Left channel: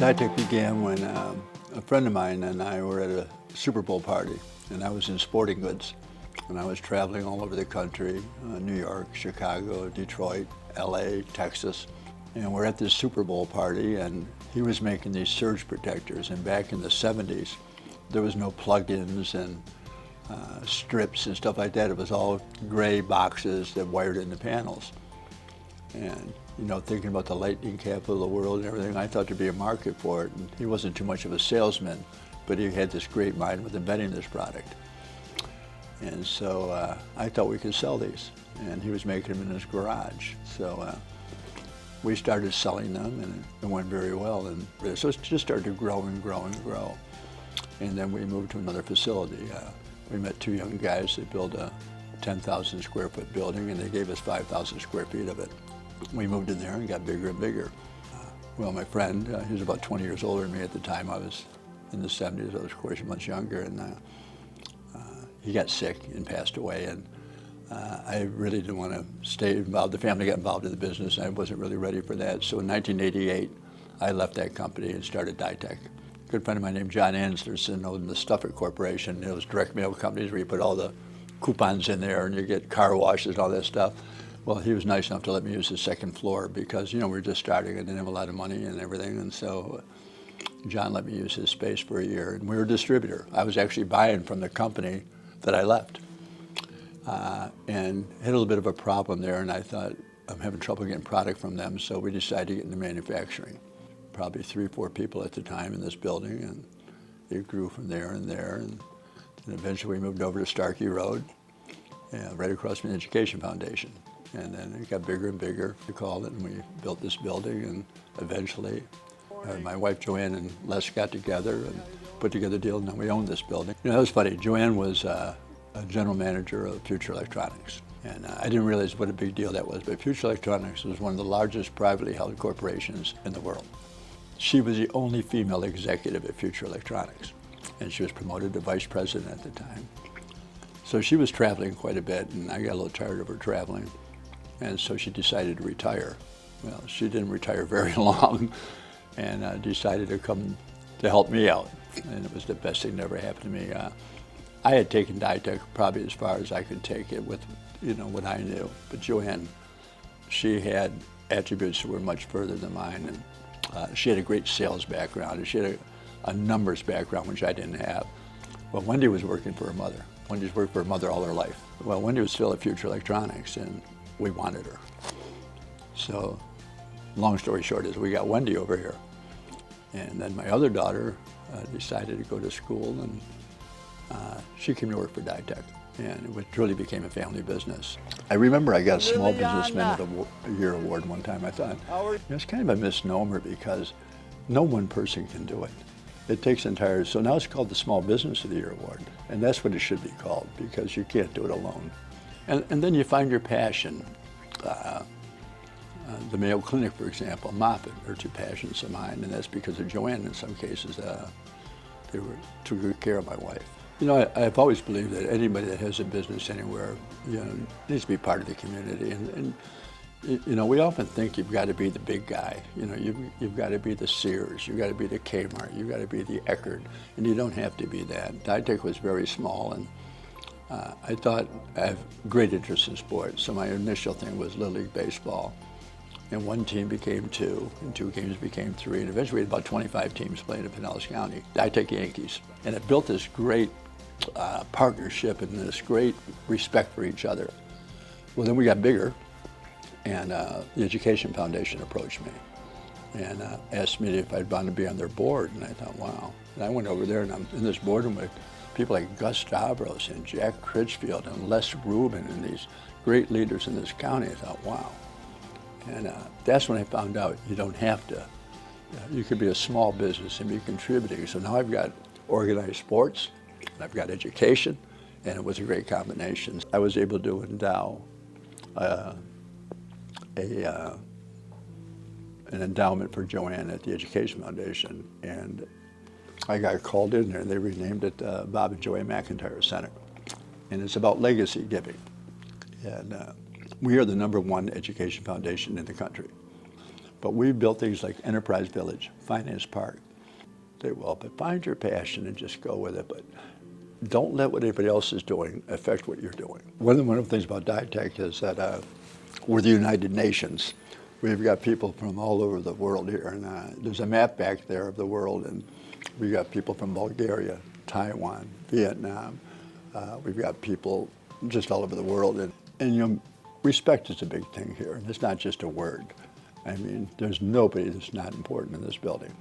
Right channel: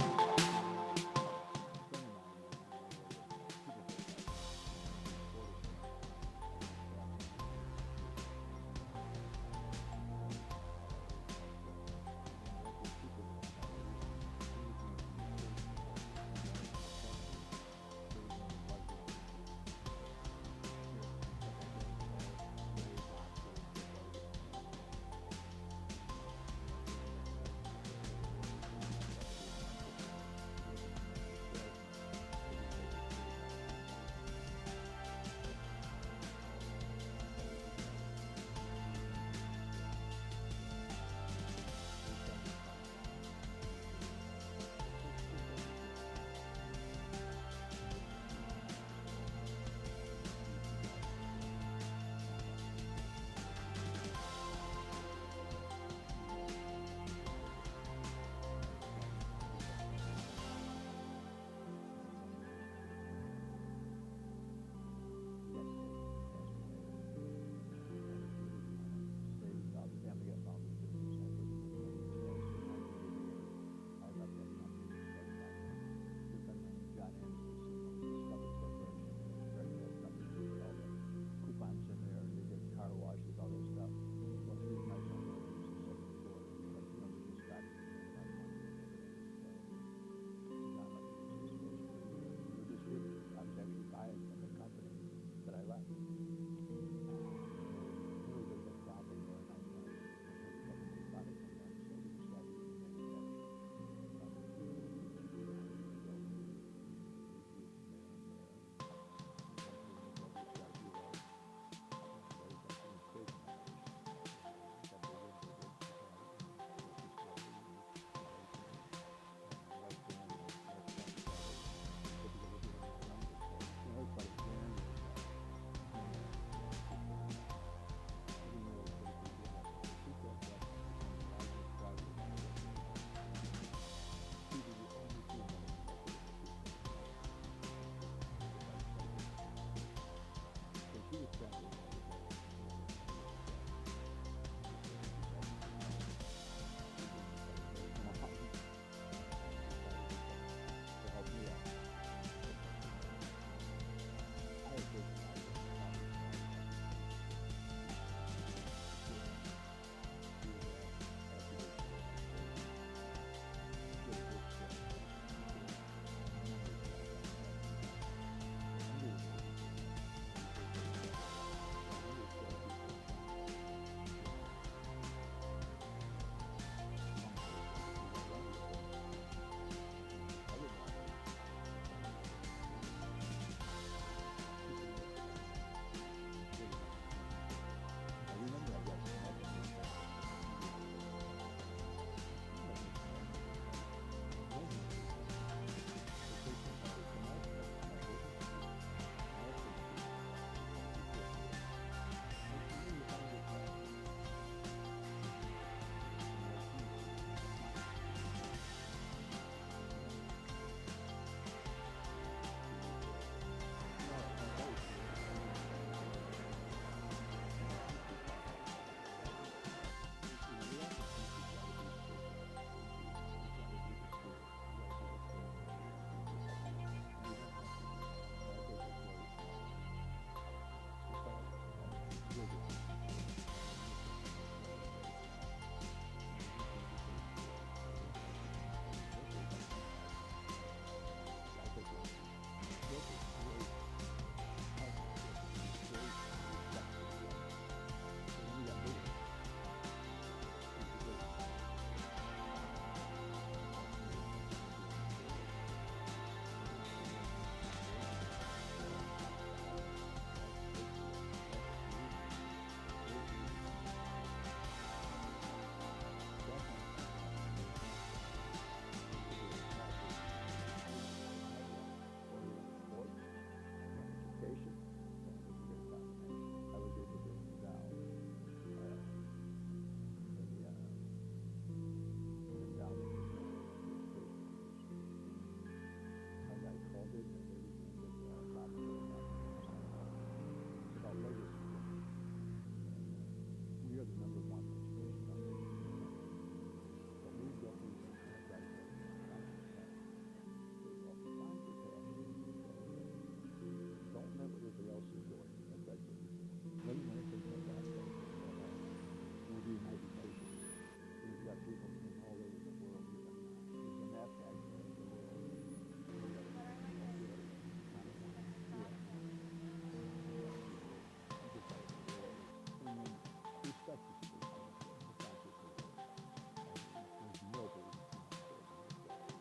DITEK began when a friend of mine and I were at a Super Bowl party, and I was in sporting goods, and I was traveling all over the country, New York, Chicago, Detroit, LA, Texas, and we're at this Super Bowl party, and he was making these surge protectors, and back in the 70s, there was no plug-ins and strips and stuff like that. It was all gray boxes that wired into panels. And you know, thinking about the lightning capital of the world and everything, I thought there'd be a market for it. And he wasn't too much of a salesman, but he had this great mind with inventing this product. And so I thought we could sell these. And he was making them in his garage. So we started selling them, and it went very well. And so it just started to grow and grow and grow. And then we moved to another facility. We met two young guys that built a 10,000 square foot building, and they gave us 5,000 square feet of it. We moved in there and got bigger and bigger. Well, my friend, he was about 20 years older than me at the time. I was in the 70s. I was, of course, much younger, and he got sick and passed away. And I really didn't want to stay involved. The family got involved in the business, and I wasn't really ready for that. So in 1988, I left that company and started DITEK. A good friend of mine named John Anderson owned the Stuffer Corporation. It was direct mail companies where you put all the coupons in there and you get car washes and all that stuff. Well, he was nice enough to let me use the second floor because, you know, we were just starting and didn't have a lot of money and everything. And so John let me use his space for a year, and we were a distributor. I was actually buying from the company that I left. And had a little bit of a problem there, and I thought, I'm having trouble getting product from them, so we decided to get into manufacturing. Probably 3 or 4 people at the time in this building, and it grew from there and there. And eventually we moved over to Starkey Road, right across from the Education Foundation. And then it got bigger and bigger, we called it, and we built this building, and eventually my wife Joanne and Les got together and put together a deal, and then we owned this building. You know, that was funny. Joanne was a general manager of Future Electronics, and I didn't realize what a big deal that was, but Future Electronics was one of the largest privately held corporations in the world. She was the only female executive at Future Electronics, and she was promoted to vice president at the time. So she was traveling quite a bit, and I got a little tired of her traveling, and so she decided to retire. Well, she didn't retire very long, and decided to come to help me out, and it was the best thing that ever happened to me. I had taken DITEK probably as far as I could take it with, you know, what I knew, but Joanne, she had attributes that were much further than mine, and she had a great sales background, and she had a numbers background, which I didn't have. Well, Wendy was working for her mother. Wendy's worked for her mother all her life. Well, Wendy was still at Future Electronics, and we wanted her. So, long story short is we got Wendy over here. And then my other daughter decided to go to school, and she came to work for DITEK, and it truly became a family business. I remember I got a Small Businessman of the Year award one time. I thought, it's kind of a misnomer because no one person can do it. It takes entire, so now it's called the Small Business of the Year award, and that's what it should be called because you can't do it alone. And then you find your passion. The Mayo Clinic, for example, Moffitt are 2 passions of mine, and that's because of Joanne in some cases. They took good care of my wife. You know, I've always believed that anybody that has a business anywhere, you know, needs to be part of the community. And you know, we often think you've got to be the big guy. You know, you've got to be the Sears, you've got to be the Kmart, you've got to be the Eckerd, and you don't have to be that. DITEK was very small, and I thought I have great interest in sports, so my initial thing was Little League Baseball. And 1 team became 2, and 2 games became 3, and eventually we had about 25 teams playing in Pinellas County, DITEK Yankees. And it built this great partnership and this great respect for each other. Well, then we got bigger, and the Education Foundation approached me and asked me if I'd want to be on their board, and I thought, wow. And I went over there, and I'm in this boardroom with people like Gus Stavros and Jack Critchfield and Les Rubin and these great leaders in this county. I thought, wow. And that's when I found out you don't have to. You could be a small business and be contributing. So now I've got organized sports, and I've got education, and it was a great combination. I was able to endow an endowment for Joanne at the Education Foundation, and I got called in there, and they renamed it Bob and Joanne McIntyre Center. And it's about legacy giving. And we are the #1 education foundation in the country. But we built things like Enterprise Village, Finance Park. Say, well, but find your passion and just go with it, but don't let what anybody else is doing affect what you're doing. One of the wonderful things about DITEK is that we're the United Nations. We've got people from all over the world here, and there's a map back there of the world, and we've got people from Bulgaria, Taiwan, Vietnam. We've got people just all over the world, and you know, respect is a big thing here. It's not just a word. I mean, there's nobody that's not important in this building.